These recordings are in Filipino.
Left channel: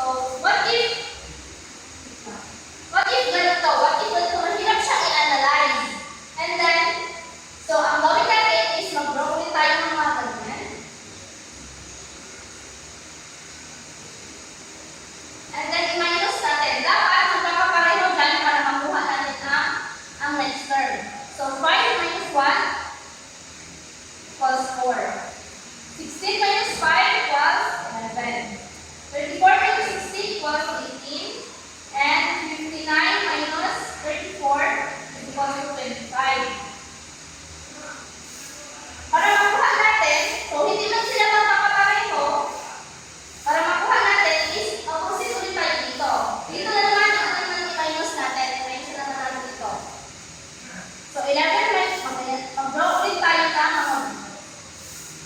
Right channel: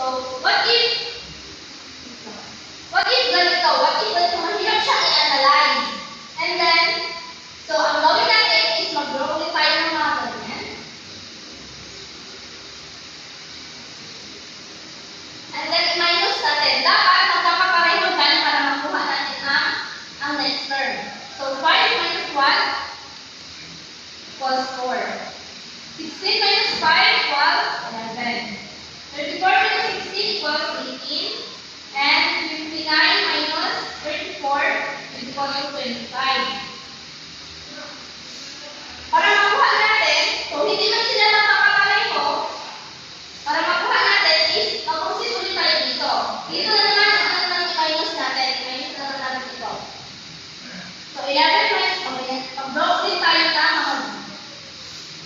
What if ganito? Mahirap siyang i-analyze. And then, so ang gawin natin is mag-draw ulit tayo ng mga ganyan. And then, i-minus natin. Dapat magkakapareho dyan para makuha natin ang next term. So, 5 minus 1 equals 4. 16 minus 5 equals 11. 34 minus 16 equals 18. And 59 minus 34 is equal to 25. Para makuha natin, so hindi man sila magkakapareho, para makuha natin is opposite ulit tayo dito. Dito na naman ang i-minus natin. I-minus na natin dito. So 11 minus, mag-draw ulit tayo ng mga.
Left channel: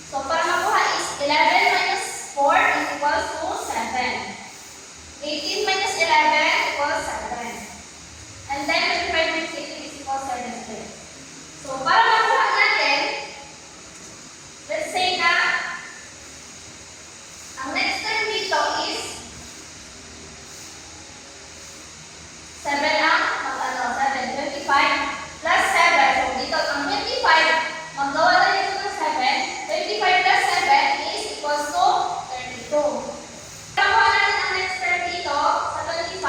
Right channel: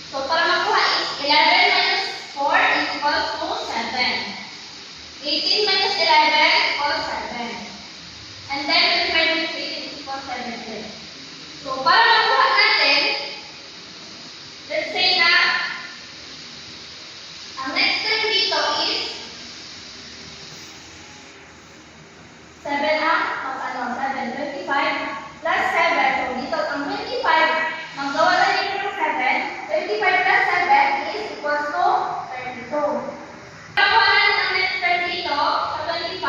So para makuha is 11 minus 4 is equals to 7. 18 minus 11 equals 7. And then 25 minus 18 is equals 17. So para makuha natin, let's say na ang next term dito is 7 ang 7, 25 plus 7. So dito ang 25, magawa tayo dito ng 7. 25 plus 7 is equals to 32. Nakuha natin ang next term dito sa 25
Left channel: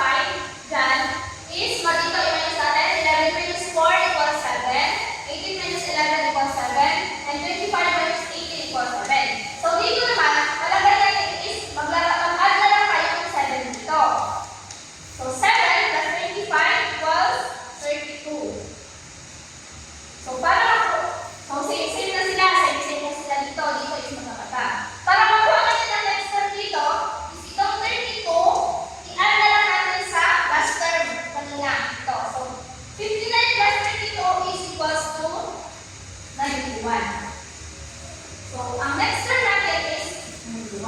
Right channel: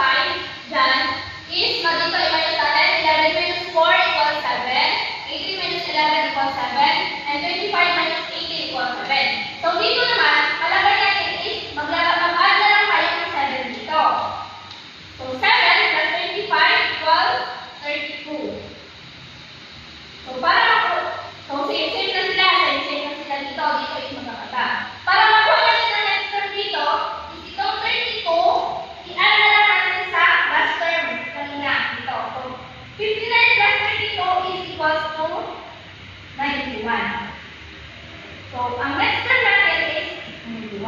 dyan is dito i-minus natin 11 minus 4 equals 7, 18 minus 11 equals 7, and 25 minus 18 equals 7. So dito naman, malagay natin is mag-add na lang tayo ng 7 dito. So 7 plus 25 equals 32. So same na sila, same na sila dito is magkakata. Para makuha natin ang next term dito, itong 32, i-add na lang natin sa last term kanina dito. So, 59 plus 32 is equals to 91. So, ang next term natin is 91.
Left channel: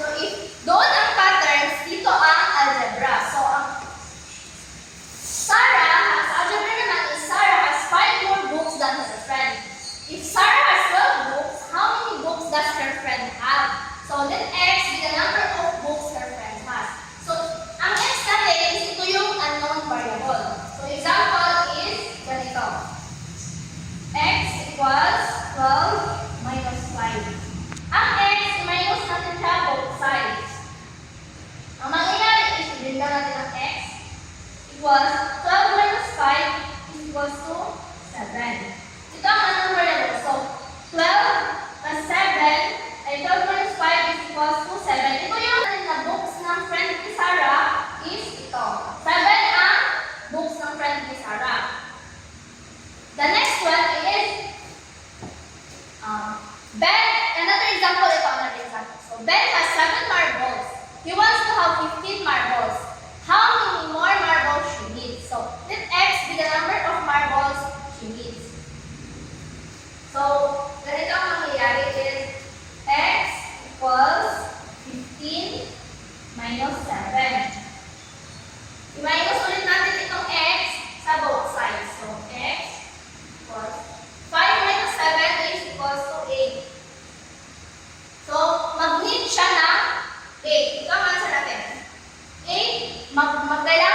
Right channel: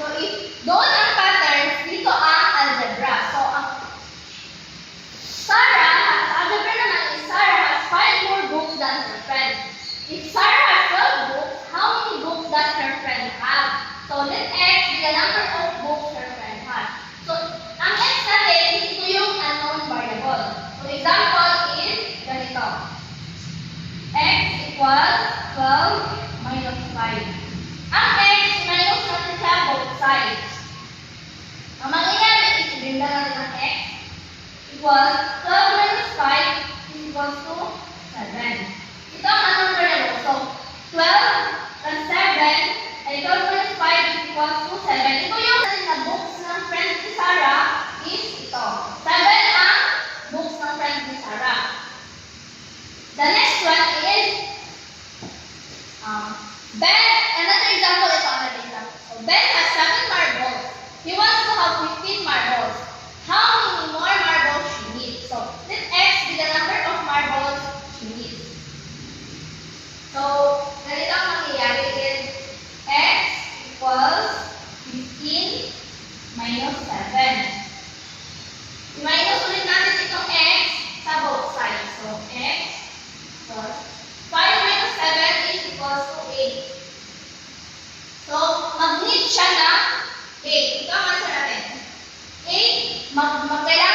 So, if doon ang patterns, dito ang algebra. So, ang Sarah, sa algebra naman is Sarah has 5 more books than her friend. If Sarah has 12 books, how many books does her friend have? So, let X be the number of books her friend has. So, ang X natin is ito yung unknown variable. So, example is ganito. X equals 12 minus 5. Ang X, minus natin siya both sides. Ang mangyayari is ibigay natin ang X equals 12 minus 5 is equals to 7. Ito ang unknown variable. So, 12 plus 7, ay 12 minus 5 is equals to 7. Ito yung na books ng friend ni Sarah is ito. 7 ang books ng friend ni Sarah. The next one is Ben. Another example. So, Ben has 7 marbles. He wants to have 15 marbles. How many more marbles she needs? So, let X be the number of marbles she needs. So, ganito ang mangyayari is X equals 15 minus 7. I-minus ulit natin itong X sa both sides. So, X equals 5 minus 7 is equals to 8. So, mag-need siya na 8. Ito ang answer natin. 8, mag-kailangan